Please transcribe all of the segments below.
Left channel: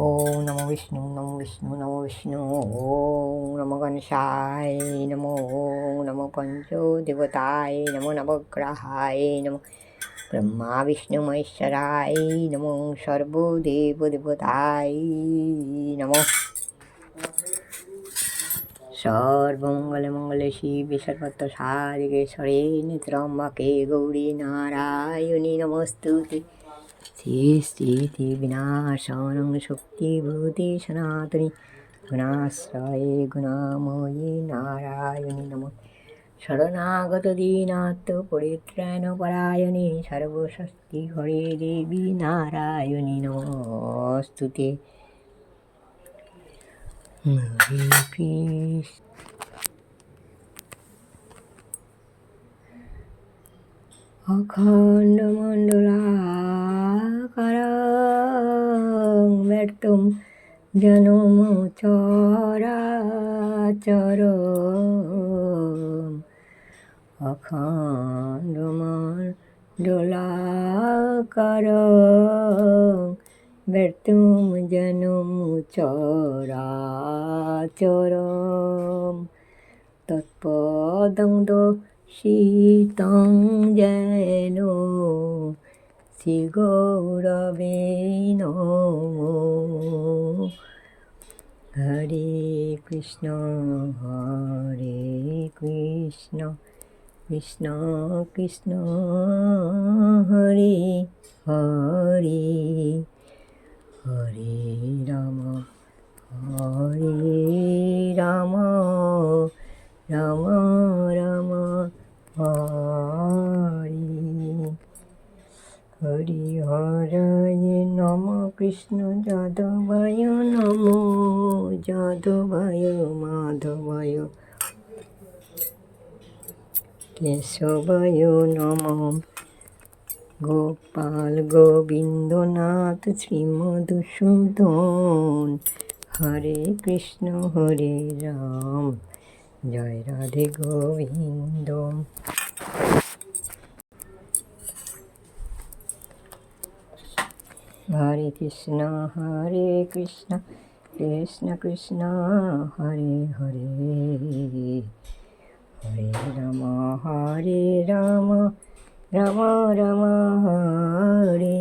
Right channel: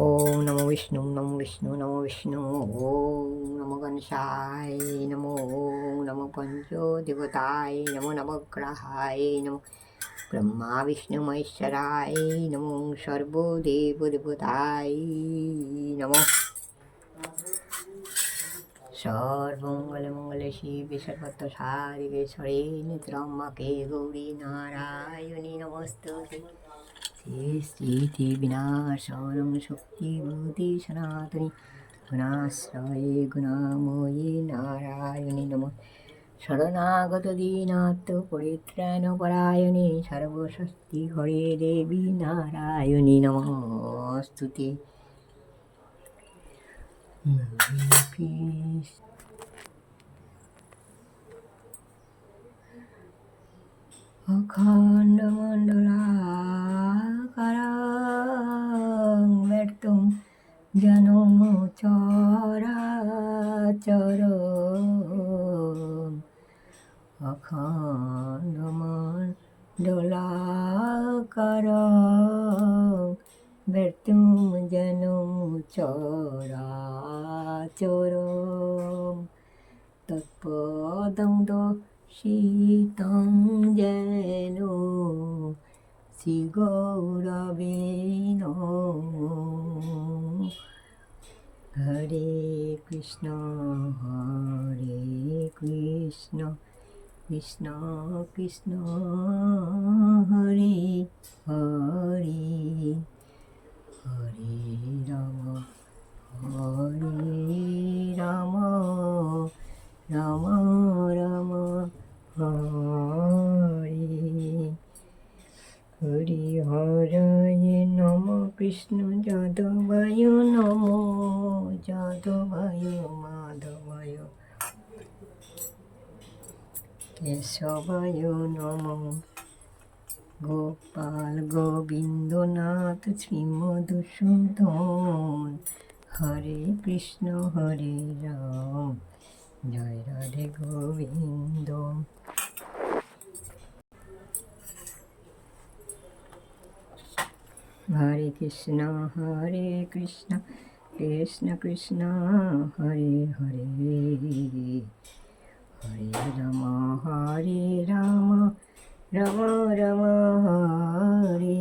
ওম নমো বিষ্ণু নমো বিষ্ণু নমো বিষ্ণু ওম নমো গণেশায় নমো ওম নমো পঞ্চ দেবতায় নমো নবগ্রহায় নমো ব্রহ্মা বিষ্ণু মহেশ্বরায় নমো সর্বদেব দেবতায় নমো সর্বমঙ্গলে মঙ্গলে শিবে সর্বত্র সারিকেশ্বরে নিত্রম্বকে গৌরী নারায়ণী নমস্তুতে শ্রী বিনাশনং শক্তিভূতি সনাতনী গুণাশ্রয়ে গুণাময়ী নারায়ণী নম। শরণাগত দীনাত্ম পরিত্রাণ পরায়ণে সর্বশক্তি হরে দেবী নারায়ণী নমস্তুতে হরে কৃষ্ণ অখণ্ডমণ্ডলাকারং ব্যর্তম জনম চরাচর অখণ্ডমণ্ডলাকারং ব্যর্তম জনম চরাচরম তৎপদং শীতং যেন শ্রীগৌরবে হরে কৃষ্ণ হরে কৃষ্ণ কৃষ্ণ কৃষ্ণ হরে হরে হরে রাম হরে রাম রাম রাম, হরে। হরি হরায় নম, কৃষ্ণ যাদবায় নম, যাদবায় মাধবায়। কেশবায় নম। গোপাল গোবিন্দনাথ শ্রীমধুসূদন। হরে কৃষ্ণ, হরে রাম। জয় রাধে গোবিন্দ। হরে কৃষ্ণ হরে কৃষ্ণ কৃষ্ণ কৃষ্ণ, হরে হরে। হরে রাম হরে রাম। রাম রাম, হরে।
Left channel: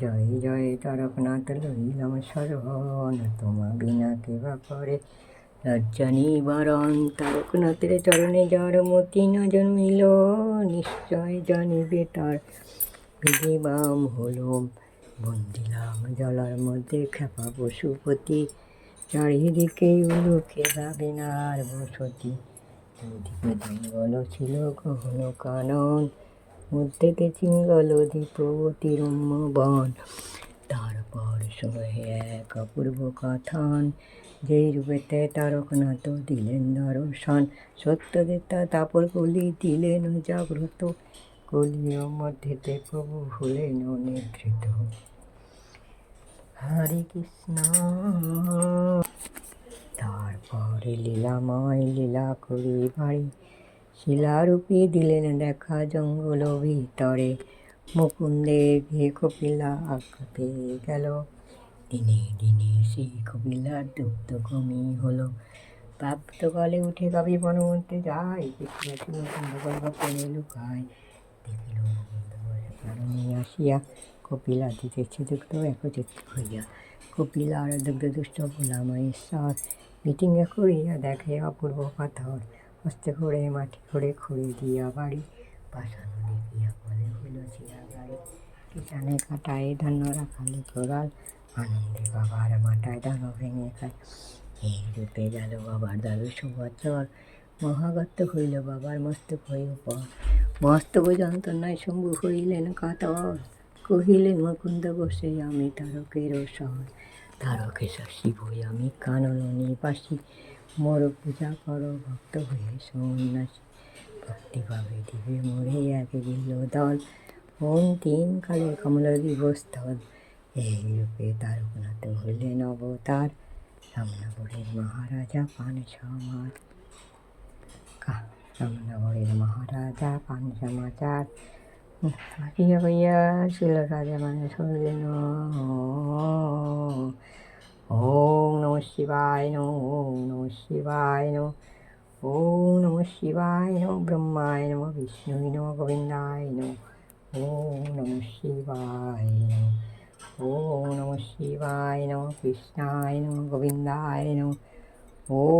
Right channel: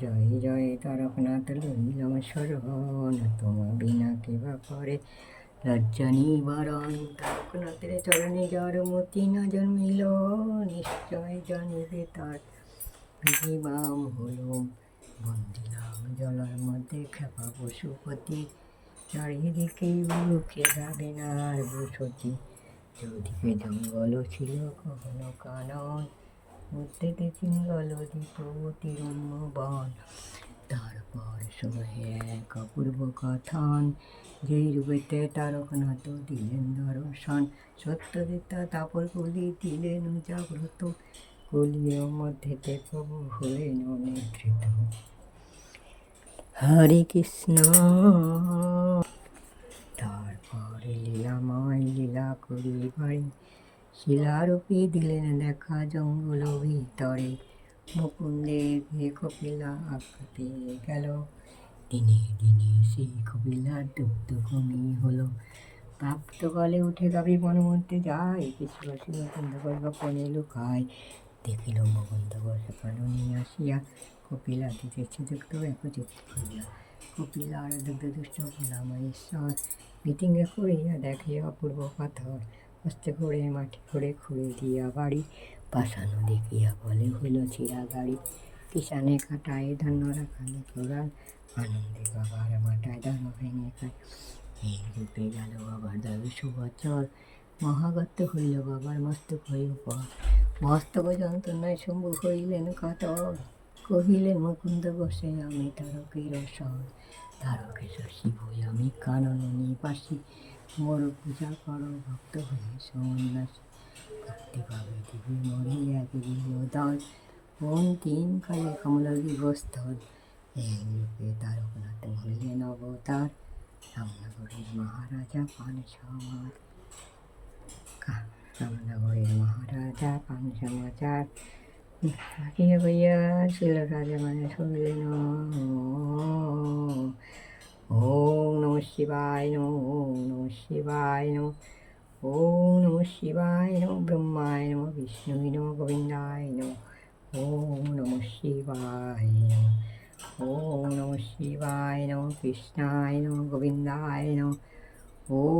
জয় জয় তারকনাথ লইলাম শরণ। তোমা বিনা কেবা করে। লজ্জা নিবারণ, তারকনাথের চরণে যার মতি না জন্মিল, নিশ্চয় জানিবে তার বিধিবাম হলো। বন্দিলাম জলার মধ্যে খেপা পশুপতি, চারিদিকে উলুকে যাবে না বসতি। চৌদিকে জঙ্গল ছিল গহন কানন মধ্যেতে চিঙ্গল দ্বীপ তিরম্য বন। তারপর শুনে এক অপূর্ব কথান যেই রূপেতে তারকনাথ দিলেন দর্শন। সত্যদেতা তাপর কলি দিলেন জাগ্রত কলিয় মধ্যেতে প্রভু হলেন নেতৃত্ব হরে কৃষ্ণ। তারপরে লীলাময় লীলা করি বাড়ি। শিলারূপে দিলেন দেখা জঙ্গল ভিতরে। মুকুন্দের গিয়ে কপিলা পেয়ে গেল। দিনে দিনে সেই কপিলার দুগ্ধ কমি হলো। প্রাপ্ত কালে উঠে গাবি বনমধ্যে যায়। কিছু নতুন গল্প পেনে লুকায়। দেখিল মুকুন্দ বসে কাননে আসিয়া কপিলা দিতেছে দুগ্ধ একচিত হইয়া। কপিলা আর দুগ্ধ দুষ্ট মহেশ্বর মিটিংয়ে করিয়া দেখে অপূর্ব পাথর। হস্তে করে মাটি করে খুঁড়ে দিয়া বাড়ি। পাশানো দেখিয়া বলে, হইল চিরা গাড়ি কিষানে কাটায় ধান্য রাখালে কোরাল আনন্দে বাবার মাটায় ধান ভেঙে খায়। এই রূপে গেল বাবার দাদু সুবচর মহাগত হইল বাবার মস্তক হয়ে উপর। মস্তক যন্ত্রণায় শম্ভু হইলেন কাতর। কহিলেন, মুকুন্দ বসে, আমি তারকের সর তারকেশ্বর শিব হই আমি কানন নিবাসী মোর পূজা করো, ভক্ত হয়ে সন্ন্যাসী। ভক্তি পাবে দিবে মোরে এক দিল। দল অন্তিম কালে কমল দিবস্থল এই রূপে তারকনাথ হইলেন অবতার। রামনগরের মহারাজা পান সমার কা- রামনগরের মহারাজা পান হারিয়া হইয়া ছিল রাজা মানে শুনলেন ওম নম শিবায় নম ওম নম শিবায় নম ওম নম শিবায় নম ব্রহ্মায় নম বিষ্ণুই নম গোবিন্দায় নম ওম নম শিবায় নম ওম নম শিবায় নম কৃষ্ণায় নম গোবিন্দায় নম ওম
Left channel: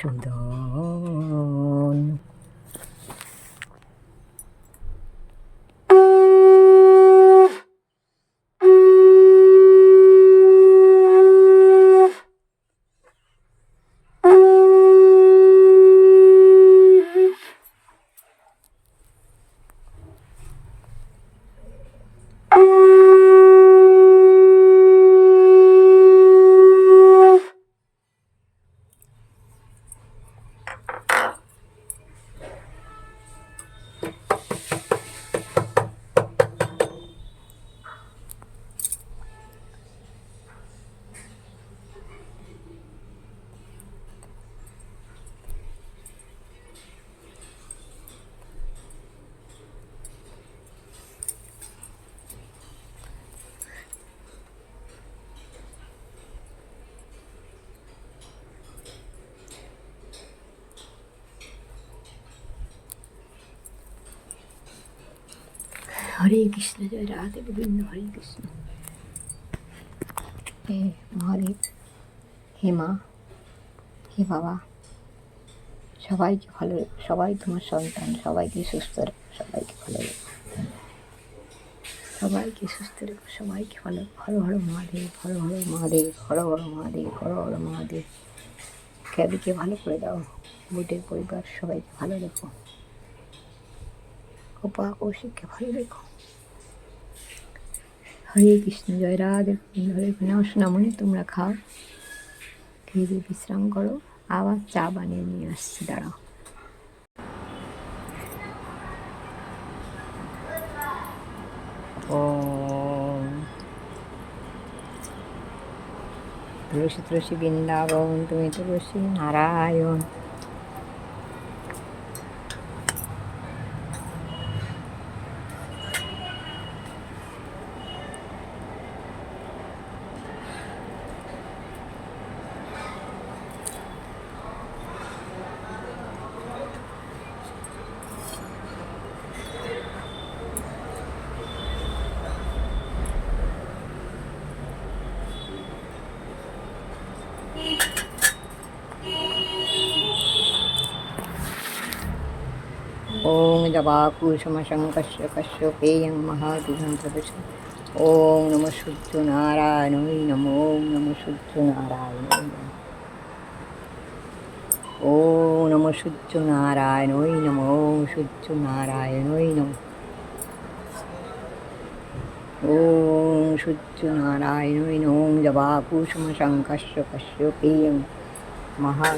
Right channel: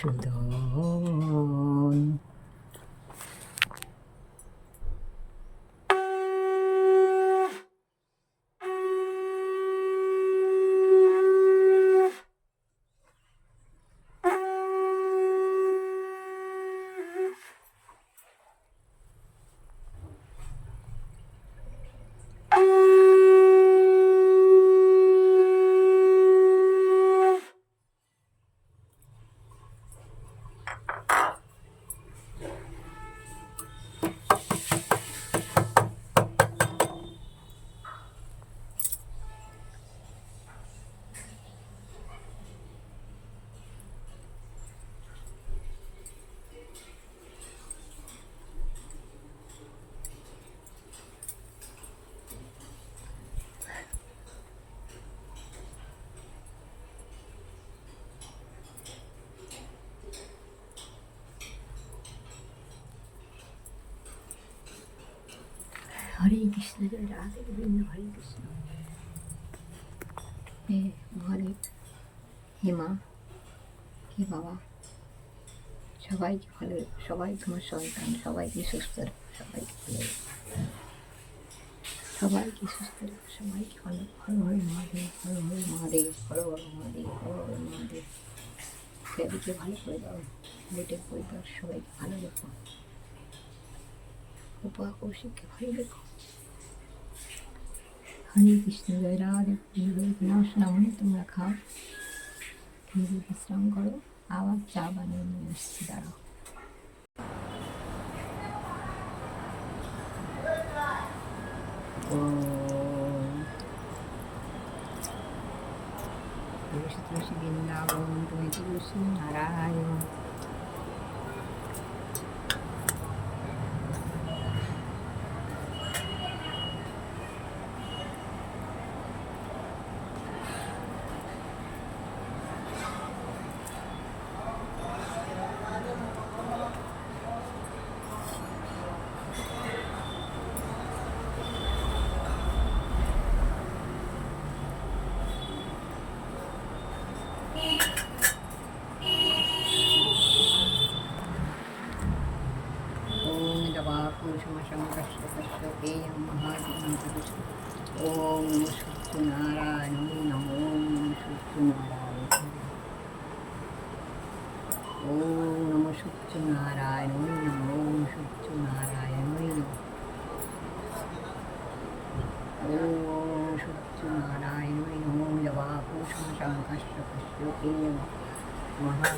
মধুসূদন হরে কৃষ্ণ জয় রাধে গোবিন্দ হরে কৃষ্ণ হে মহাদেব হে মা হে বাবা সবাইকে ভালো সবাই তোমার সন্তান সবাইকে সুস্থ রেখো সবাইকে ভালো রেখো সবাইকে সুস্থ রেখো সবাইকে ভালো হর হর মহাদেব হর হর মহাদেব হর হর মহাদেব হর হর মহাদেব খ্যাদিকে ভালো করে দাও বুটের পরিবার সবাইকে ভালো রেখো কপা কৌশিককে ভালো রেখো হরে কৃষ্ণ জয় রাধে। হরে নামনে তোমরা খাও। খেয়ে বিশ্রাম করো। আবার চা বানিয়ে নিয়ে আসছি, দাঁড়াও। তুলসী তুলসী বৃন্দাবন, তুমি তুলসী নারায়ণ। ॐ जवाकुसुमशङ्कस्य कश्यपेयं महादिनं तदस्य ॐ नमः शुद्धनारायणै नमो ॐ नमः शुद्धनारायणै ॐ नमः शुद्धनारायणै नमो ॐ शुद्धनारायणै नमः ॐ शुद्धनारायणै ॐ जवाकुसुमशङ्कस्य कश्यपेयं महा